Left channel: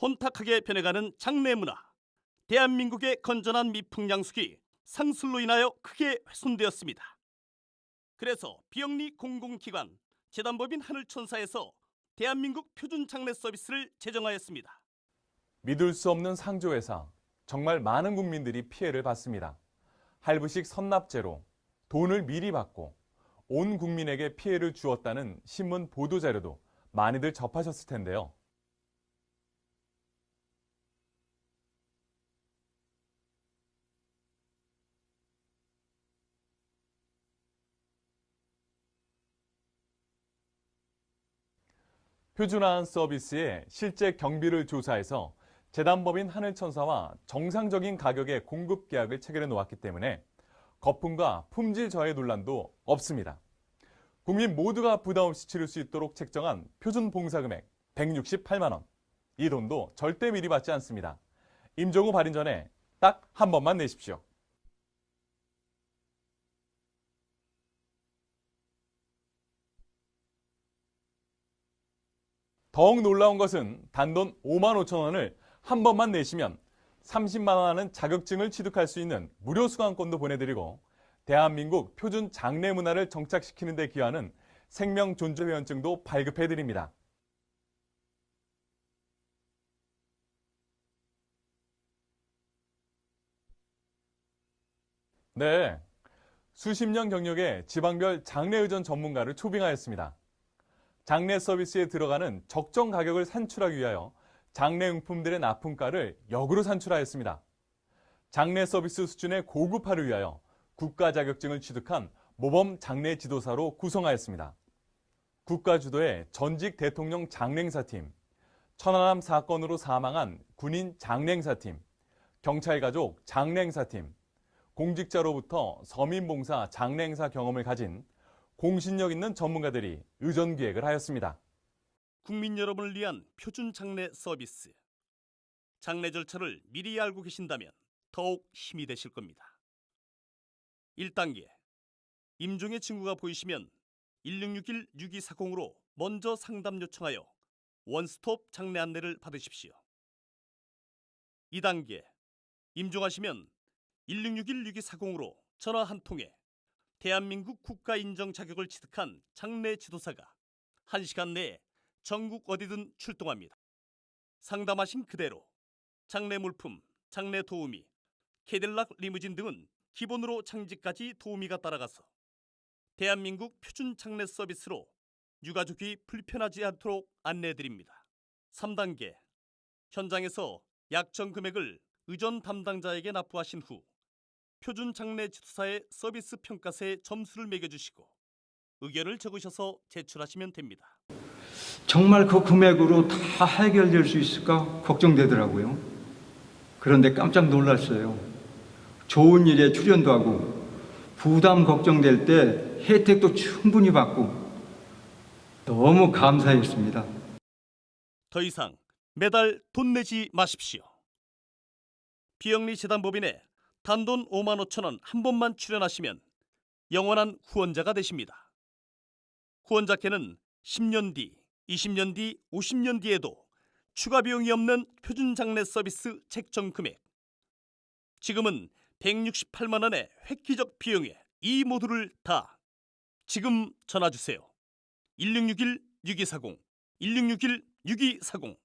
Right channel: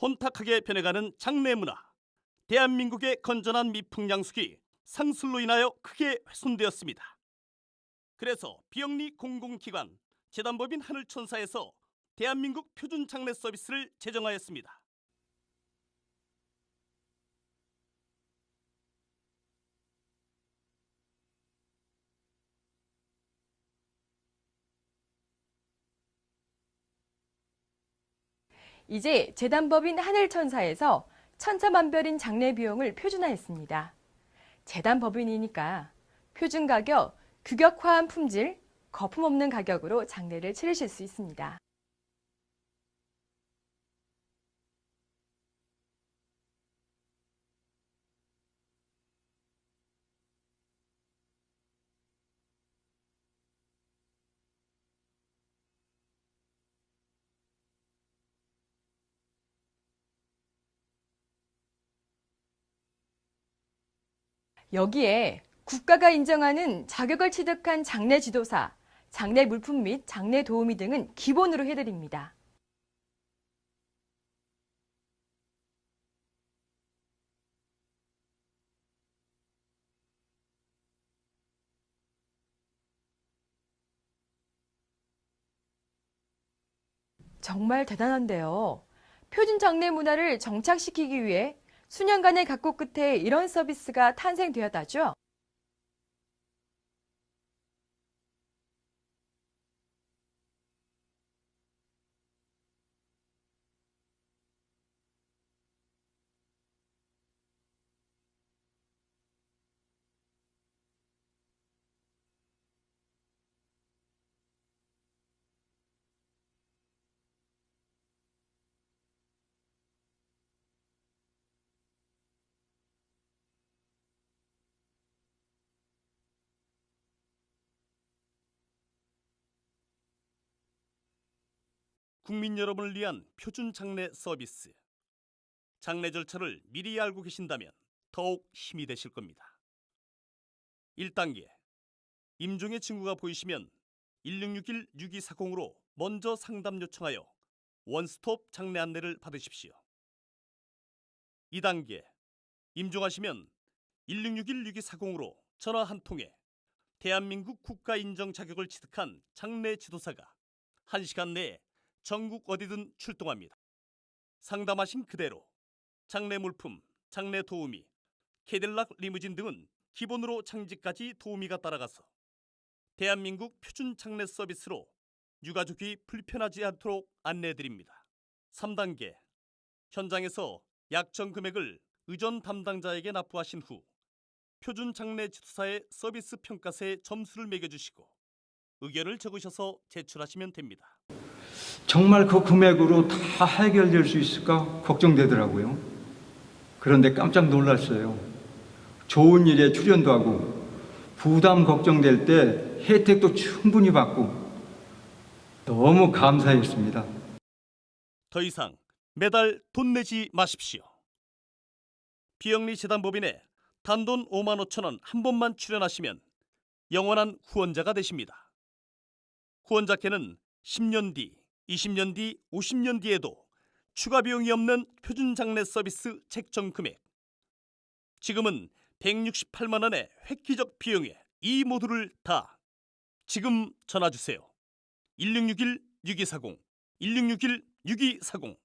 혼탁하게 변해가는 장례 문화. 대한민국의 건전한 미풍양속이 상술로 인하여 크게 훼손되었습니다. 그래서 비영리 공공기관 재단법인 하늘천사에서 대한민국 표준 장례 서비스를 제정하였습니다. 믿을 수 없는 상조회사. 정말 많은 국민들이 피해를 봤습니다. 할부식 선납제로 돈을 미리 받고 온 국민에게 피해를 주었다는 신문 보도 자료도 많이들 접하셨을 텐데요. 이제 재단법인 하늘천사에서 천차만별인 장례 비용을 표준화했습니다. 재단법인이니까 표준 가격, 규격화한 품질, 거품 없는 가격으로 장례를 치르실 수 있습니다. 표준화한 서비스의 실제 경비를 조사해서 재단법인 하늘천사와 정상적인 가격의 공급 계약을 체결해 놓았기 때문에 거품과 품질 저해 논란도 없습니다. 국민 모두가 부담 없이 치를 수 있도록 책정한 표준 봉사 금액 168만 원. 이 돈도 절대 미리 받지 않습니다. 임종우 발인 전에 딱 한 번만 내십시오. 여기에 국가가 인정하는 자격을 취득한 장례 지도사, 장례 물품 및 장례 도우미 등은 기본으로 해드립니다. 더욱 놀라운 것은 단돈 5만 5천 원을 한 번만 내시면 30만 원 하는 자격증을 취득할 수 있는 무료 수강권도 보내드리고 대한민국 표준 장례 문화를 정착시키는 데 기여하는 생명 존재 회원증도 발급해드립니다. 정말 대단한데요. 표준 장례 문화를 정착시키기 위해 수년간의 각고 끝에 이런 서비스가 탄생되었다죠. 네, 수십 년 경력의 지방별 장례 의전 전문가를 초빙하였습니다. 장례 서비스에 들어가는 적정 가격을 산출하기 위하여 장례 용품들의 납품가를 역으로 산출하였습니다. 장례 서비스 수준의 고급화를 위하여 국가 자격증을 취득한 모범 장례 지도사로 구성하였습니다. 국가 주도의 전직 대통령 장례행사팀, 천안함 사건으로 사망한 군인 장례행사팀, 경찰 가족 장례행사팀, 공직자로부터 서민봉사 장례행사 경험을 가진 공신력 있는 전문가들이 의전 기획을 하였습니다. 국민 여러분을 위한 표준 장례 서비스. 장례 절차를 미리 알고 계신다면 더욱 힘이 되실 겁니다. 1단계. 임종의 친구가 보이시면 1661-6240으로 먼저 상담 요청하여 원스톱 장례 안내를 받으십시오. 2단계. 임종하시면 1661-6240으로 전화 한 통에 대한민국 국가 인정 자격을 취득한 장례 지도사가 1시간 내에 전국 어디든 출동합니다. 상담하신 그대로 장례 물품, 장례 도우미, 캐딜락 리무진 등은 기본으로 장지까지 도우미가 따라가서 대한민국 표준 장례 서비스로 유가족이 불편하지 않도록 안내해드립니다. 3단계 현장에서 약정 금액을 의전 담당자에게 납부하신 후 표준 장례 지도사의 서비스 평가서에 점수를 매겨주시고 의견을 적으셔서 제출하시면 됩니다. 정말 그 금액으로 다 해결될 수 있을까 걱정되더라고요. 그런데 깜짝 놀랐어요. 좋은 일에 출연도 하고 부담 걱정될 때 혜택도 충분히 받고 너무 감사했습니다. 더 이상 매달 돈 내지 마십시오. 비영리 재단법인에 단돈 5만 5천 원 한 번만 출연하시면 영원한 후원자가 되십니다. 후원자께는 10년 뒤, 20년 뒤, 50년 뒤에도 추가 비용이 없는 표준 장례 서비스 책정 금액. 지금은 168만 원의 획기적 비용에 이 모두를 다 지금 전화 주세요. 1661 6240 1661 6240